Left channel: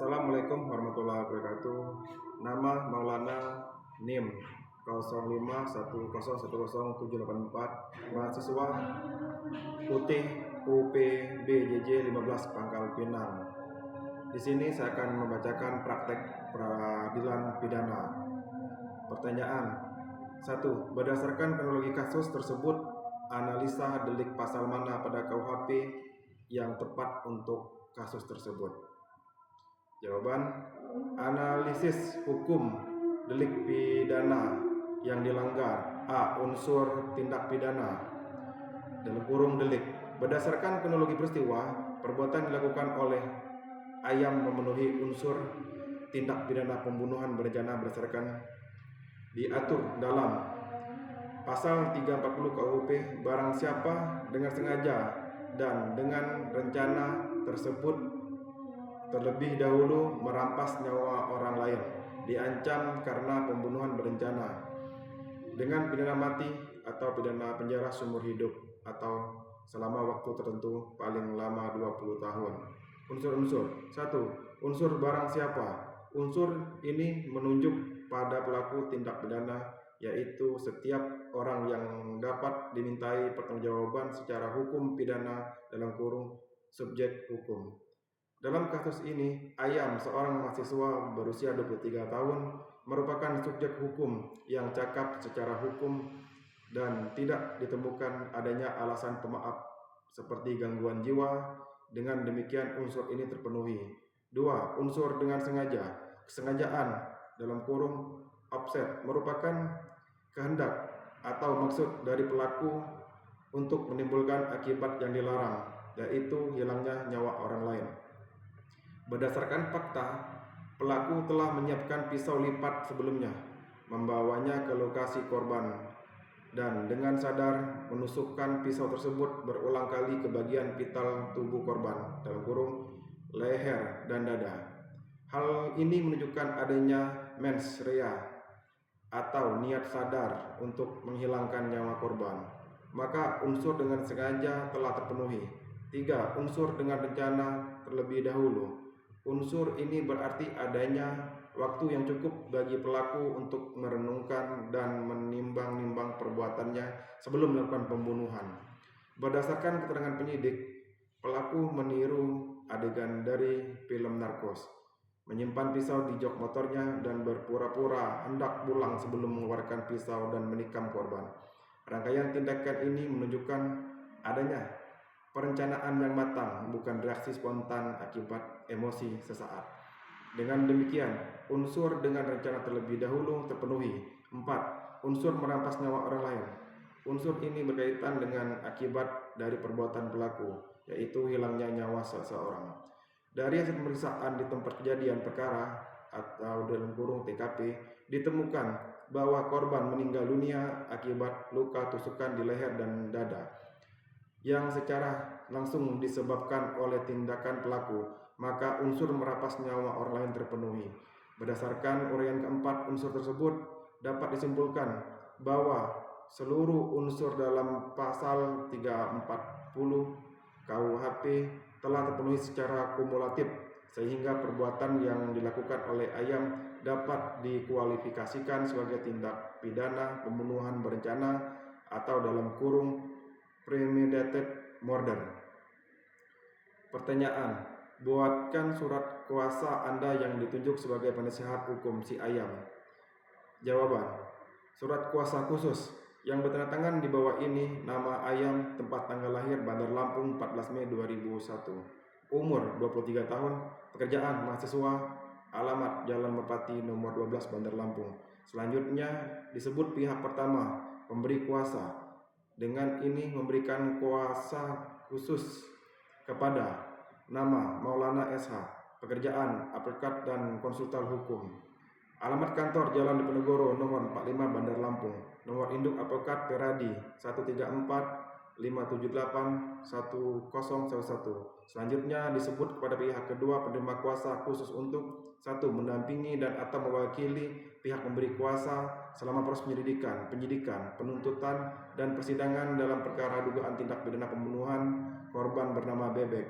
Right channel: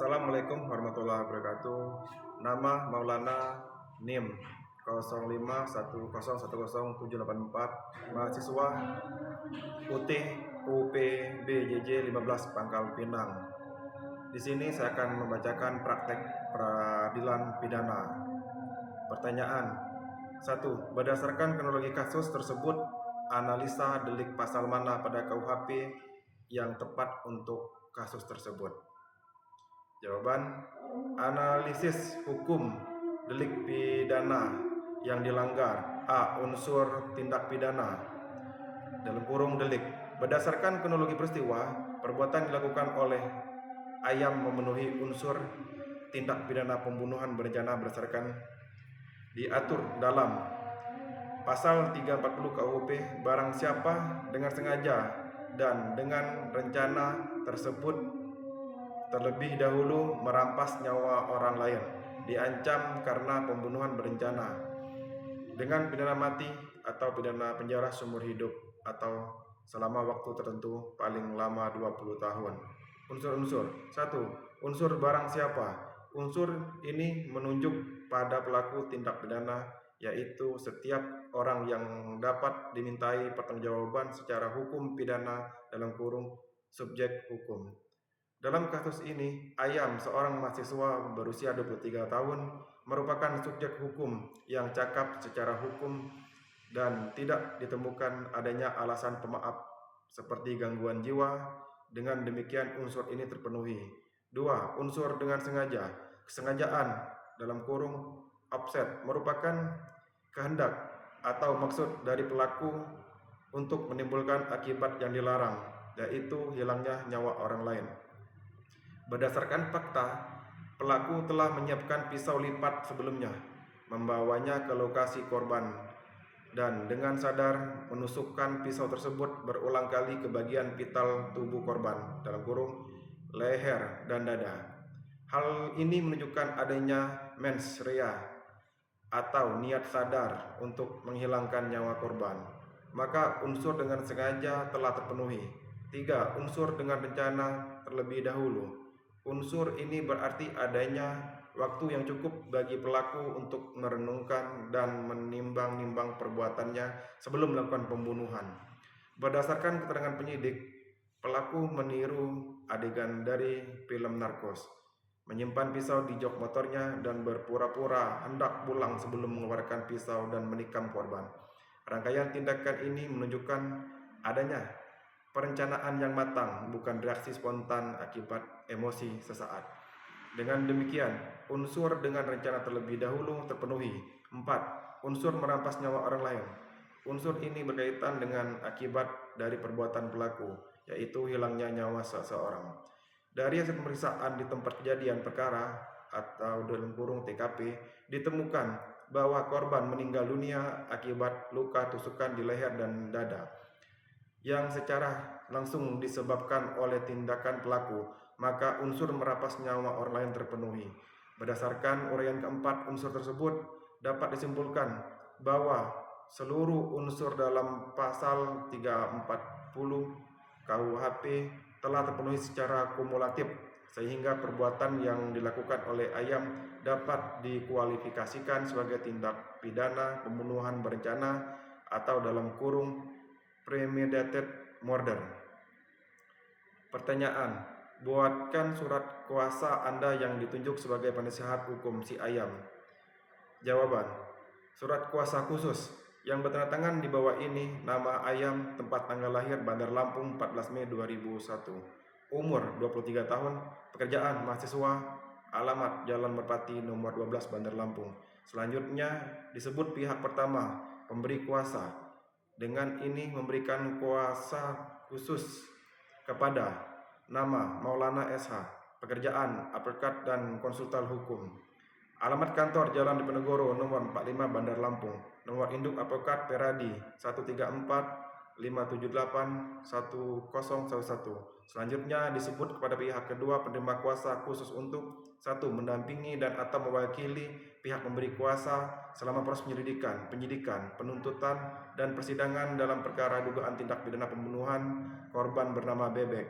Assalamualaikum warahmatullahi wabarakatuh. Nama Maulana, NIM 0510101074, mahasiswa UT UP BJJ 15 Pangkal Pinang. Di sini saya akan membacakan praktek peradilan pidana. Pertanyaan 1. Berdasarkan kronologi kasus tersebut, analisa delik pasal mana pada KUHP yang tepat untuk kasus tersebut? Jawaban, analisis hukum delik pidana yang dilanggar. A. Unsur tindak pidana dalam kurung delik. Berdasarkan kronologi peristiwa, perbuatan dilakukan oleh Ayam memenuhi unsur tindak pidana pembunuhan berencana berdasarkan diatur dalam pasal 340 KUHP. Barang siapa dengan sengaja dan dengan rencana tersebut terlebih dahulu merampas nyawa orang lain, diancam karena pembunuhan berencana dengan pidana mati atau pidana penjara seumur hidup atau selama waktu tertentu paling lama 20 tahun. Unsur-unsur 1. Unsur barang siapa. Unsur ini menunjuk pada pelaku tindak pidana, yaitu setiap orang yang dapat dimintai pertanggungjawaban secara hukum pidana dalam kurung subjek hukum. Dalam kasus ini, Ayam, seorang mahasiswa berusia 23 tahun, merupakan subjek hukum yang cakap secara hukum dan tidak ditemukan adanya alasan pemaaf seperti gangguan jiwa. Dengan demikian unsur ini terpenuhi. 2. Unsur dengan sengaja. Kesengajaan dalam kurung offset merupakan kehendak atau maksud dari pelaku untuk menimbulkan akibat yang dilarang, yaitu hilangnya nyawa orang lain. Berdasarkan fakta, pelaku telah menyiapkan pisau lipat sebelumnya, membawanya ke lokasi korban, dan dengan sadar menusukkan pisau tersebut berulang kali ke bagian vital tubuh korban dalam kurung leher dan dada. Hal ini menunjukkan adanya mens rea atau niat sadar untuk menghilangkan nyawa korban. Maka unsur dengan sengaja telah terpenuhi. 3. Unsur dengan rencana terlebih dahulu. Unsur ini berarti adanya waktu yang cukup bagi pelaku untuk merenungkan dan menimbang-nimbang perbuatannya sebelum melakukan pembunuhan. Berdasarkan keterangan penyidik, pelaku meniru adegan dari film narkos, menyimpan pisau di jok motornya dan berpura-pura hendak pulang sebelum mengeluarkan pisau dan menikam korban. Rangkaian tindakan ini menunjukkan adanya perencanaan yang matang, bukan reaksi spontan akibat emosi sesaat. Dengan demikian, unsur dengan rencana terlebih dahulu terpenuhi. 4. Unsur merampas nyawa orang lain. Unsur ini berkaitan dengan akibat dari perbuatan pelaku, yaitu hilangnya nyawa seseorang. Dari hasil pemeriksaan di tempat kejadian perkara atau dalam kurung TKP, ditemukan bahwa korban meninggal dunia akibat luka tusukan di leher dan dada yang secara langsung disebabkan oleh tindakan pelaku, maka unsur merampas nyawa orang lain terpenuhi. Berdasarkan uraian keempat unsur tersebut, dapat disimpulkan bahwa seluruh unsur dalam pasal 340 KUHP telah terpenuhi secara kumulatif, sehingga perbuatan yang dilakukan oleh Ayam dapat dikualifikasikan sebagai tindak pidana pembunuhan berencana atau dalam kurung premeditated murder. Pertanyaan, buatkan surat kuasa Anda yang ditunjuk sebagai penasehat hukum si Ayam. Jawaban, surat kuasa khusus yang bertanda tangan di bawah ini: nama Ayam, tempat tanggal lahir Bandar Lampung 14 Mei 2001, umur 23 tahun, pekerjaan mahasiswa, alamat Jalan Merpati nomor 12 Bandar Lampung. Selanjutnya disebut pihak pertama, pemberi kuasa. Dengan ini memberikan kuasa khusus kepada nama Maulana SH, pekerjaan advokat dan konsultan hukum. Alamat kantor Jalan Diponegoro nomor 45 Bandar Lampung. Nomor induk advokat Peradi 134 578 1011. Selanjutnya disebut kepada pihak kedua penerima kuasa khusus untuk 1. Mendampingi dan atau mewakili pihak memberi kuasa selama proses penyelidikan, penyidikan, penuntutan, dan persidangan dalam perkara dugaan tindak pidana pembunuhan korban bernama Bebek.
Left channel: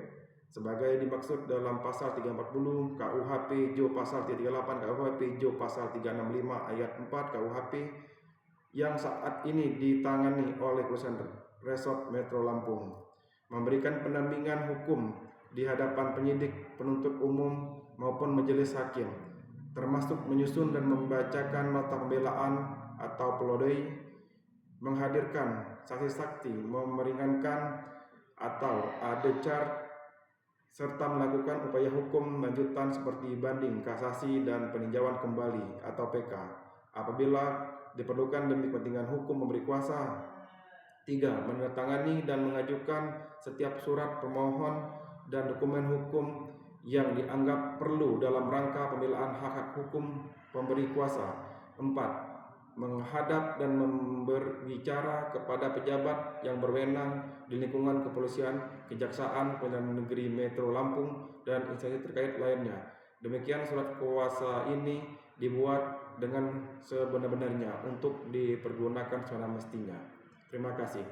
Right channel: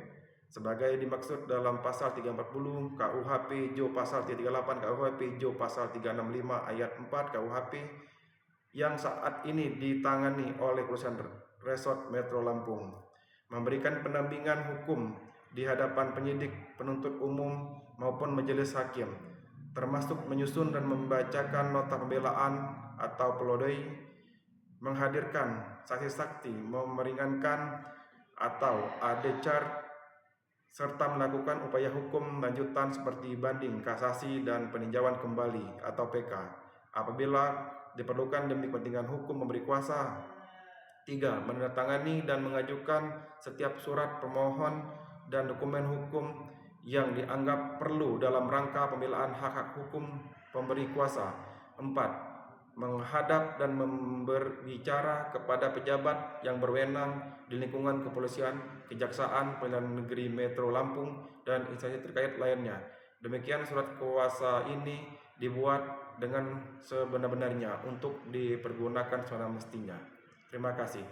sebagai dimaksud dalam pasal 340 KUHP Jo pasal 338 KUHP Jo pasal 365 ayat 4 KUHP yang saat ini ditangani oleh perusahaan Resort Metro Lampung, memberikan pendampingan hukum di hadapan penyidik, penuntut umum maupun majelis hakim, termasuk menyusun dan membacakan nota pembelaan atau pledoi, menghadirkan saksi-saksi, memeringankan atau adechar, serta melakukan upaya hukum lanjutan seperti banding, kasasi, dan peninjauan kembali atau PK apabila diperlukan demi kepentingan hukum memberi kuasa. 3. Menandatangani dan mengajukan setiap surat permohon dan dokumen hukum yang dianggap perlu dalam rangka pembelaan hak-hak hukum pemberi kuasa. 4. Menghadap dan berbicara kepada pejabat yang berwenang di lingkungan kepolisian, kejaksaan, pengadilan negeri Metro Lampung, dan instansi terkait lainnya. Demikian surat kuasa ini dibuat dengan sebenar-benarnya untuk dipergunakan semestinya. Terima kasih.